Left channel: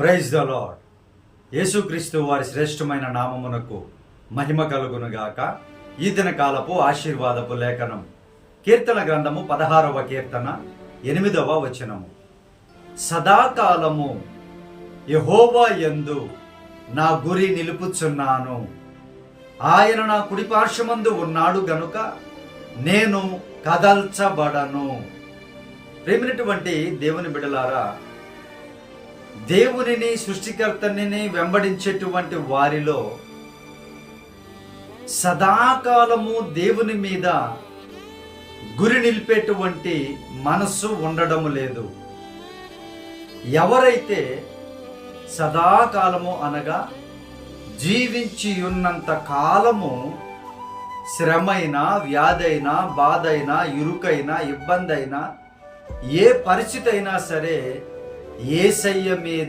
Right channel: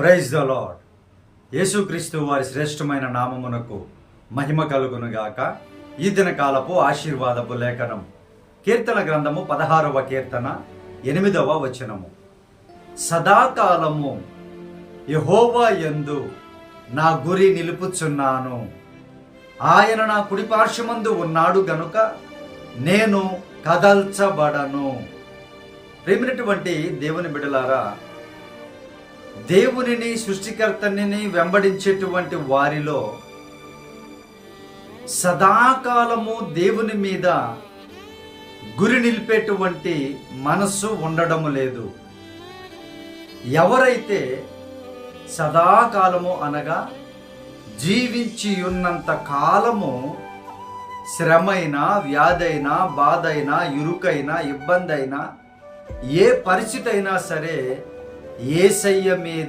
Praise the lord. యేసుక్రీస్తు వారి శ్రేష్టమైన నామమునకు మహిమ కలుగునుగాక. ఈ దినకాలపు ఆశీర్వాదపు లేఖనం కీర్తన గ్రంథము 16వ కీర్తన 8వ వచనము. సదాకాలము యెహోవా యందు నా గురి నిలుపుచున్నాను. ఆయన నా కుడి పార్శ్వమందు ఉన్నాడు గనుక నేను కదల్చబడను. ప్రేమైనటువంటి దేవుని బిడ్డలారా, దేవునిని సృష్టికర్తని వెంబడించేటువంటి వారిలో సదాకాలము దేవుని మీద గురి నిలిపేటువంటి మనస్సు ఉండడము లేదు. ఎవరైతే సదాకాలము అనగా జీవించి ఉన్నంత కాలము శ్రమైనా, వ్యాధైనా, బాధైనా, ఇరుకైనా, ఇబ్బంది అయినా, ఏ పరిస్థితి అయినా సరే యేసయ్య మీద